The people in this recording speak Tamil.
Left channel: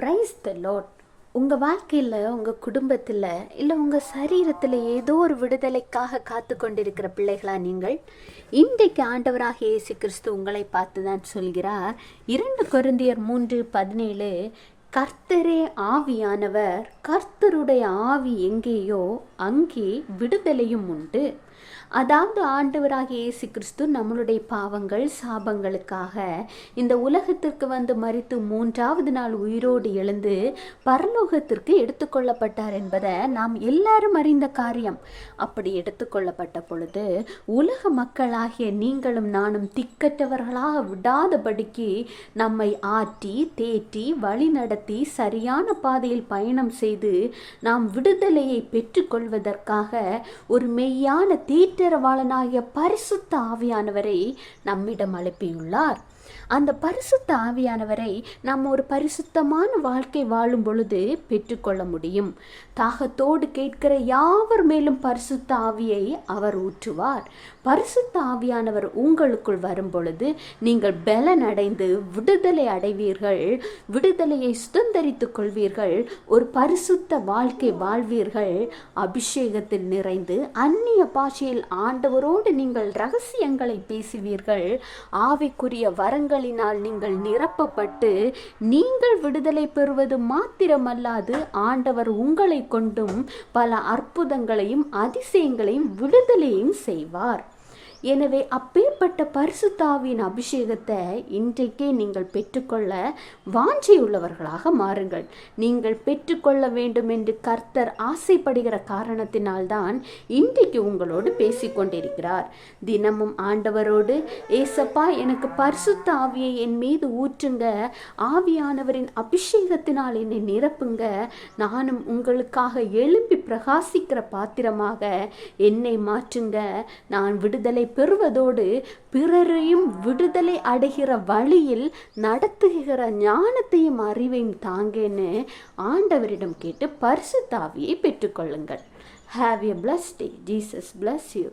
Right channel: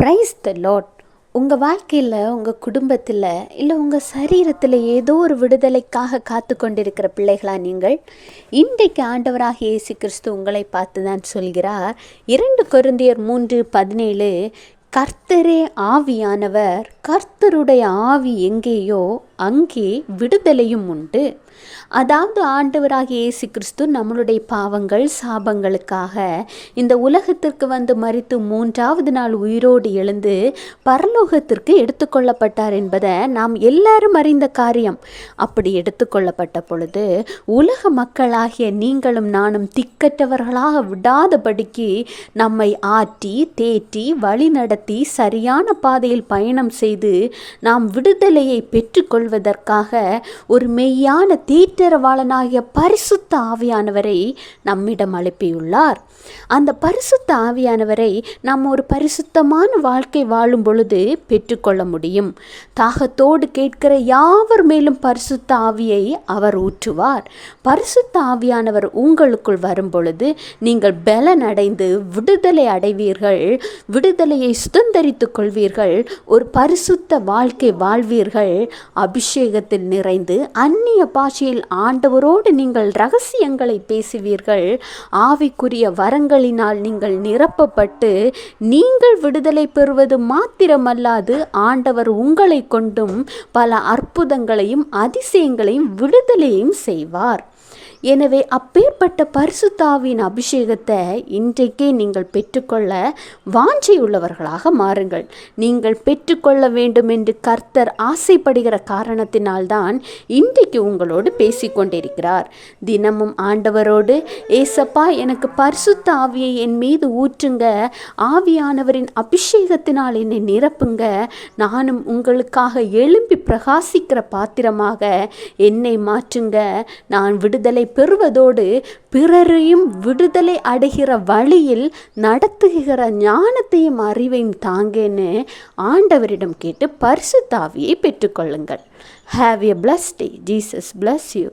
Praise the Lord. உங்கள் வாழ்க்கையில், உங்கள் குடும்பத்தில், இல்லை உங்கள் சரீரத்தில் ஏதோ ஒரு விடுதலைக்காக காத்து கொண்டிருக்கிற பிள்ளைகளா நீங்கள்? இன்றைக்கு ஆண்டவராக இயேசு கிறிஸ்து உங்களை பார்த்து தான் சொல்கிறார். 2 கொரிந்தியர் 3:17, கர்த்தரே ஆவியானவர், கர்த்தருடைய ஆவி எங்கேயோ அங்கே விடுதலையும் உண்டு. அதாவது ஆண்டவராகிய இயேசு கிறிஸ்து நம்மளுடைய பாவங்கள் சாபங்களுக்காக இந்த உலகத்திற்கு வந்து மரித்து 3ஆவது நாள் உயிரோடு எழுந்து பரலோகத்திற்கு எடுத்துக்கொள்ளப்பட்டார் என்பதை நாம் எல்லாரும் அறிந்த காரியம். அப்படி எடுத்துக்கொள்ளப்பட்ட பொழுது உலக மக்களாகிய நீங்களும் நானும் திக்கற்றவர்களாக விடாதபடிக்கு நம்மை ஆற்றி தேற்றி வழி நடத்தி சரியான பாதையில் பயணம் செய்து நாம் விடுதலையை பெற்றுக்கொள்வதற்காக ஒரு மெய்யான தீட்டரவாளனாகிய பரிசுத்த ஆவியானவரை நம்மிடம் அனுப்பியுள்ளார். அந்த பரிசுத்த ஆவியானவரை நாம் ஒரு பரிசுத்தமான வாழ்க்கை வாழும் பொழுது பெற்றுக்கொள்ள முடியும். தாகத்தோடு கேட்கிற யாவர் மேலும் பரிசுத்த ஆவியை அவர் ஊற்றுவார். பரிசுத்த ஆவியானவர் உங்களுக்குள் வரும் பொழுது நீங்கள் பலன் அடைந்து விடுதலை அடைவீர்கள். விடுதலையை சுதந்தரித்துக் கொள்வீர்கள். ஒரு பரிசுத்த வாழ்க்கை வாழ்வீர்கள். அபிஷேகத்தில் நிறைந்து அந்நிய பாஷையில் ஆண்டவரோடு நீங்கள் ரகசியங்களை பேசுவீர்கள். ஆவிக்குரிய வரங்களினால் நீங்கள் நிரப்பப்பட்டு நீங்கள் விடுதலை பெறுவது மாத்திரமல்லாது ஆண்டவர் உங்களை கொண்டும் பல அற்புதங்களையும் அதிசயங்களையும் விடுதலையும் செய்வார். எனவே அப்பேற்பட்ட பரிசுத்த ஆவியின் அபிஷேகத்தை இன்றைக்கே நீங்கள் பெற்றுக்கொள்ள வாஞ்சையுள்ளவர்களாக மாறுங்கள். நீங்கள் பெற்றுக்கொள்ள வேண்டும் என்று கர்த்தர் ஆசைப்படுகிற காரணத்தினால்தான் இன்றைக்கு உங்களோடு பேசிக்கொண்டிருக்கிறார். தினமும் ஆண்டவரோடு, ஏசப்பா எனக்கு பரிசுத்த ஆவியை என் மீது ஊற்றுங்க, ஆவியானவரின் அபிஷேகத்தினால் என்னை நிரப்புங்க, நானும் உங்களுக்காக எழும்பி பிரகாசிக்கிற பாத்திரமாக என்னை மாற்றுங்க, நான் விடுதலை பெறுவதோடு பிறரையும் விடுதலை அடைகிற வழியில் நடத்துகிற ஞானத்தையும் அறிவையும் தாங்கன்னு ஆண்டவரிடம் கேட்டு பரிசுத்த ஆவியை பெற்றுக்கொள்ளுங்கள். Have a blessed day. Jesus bless you.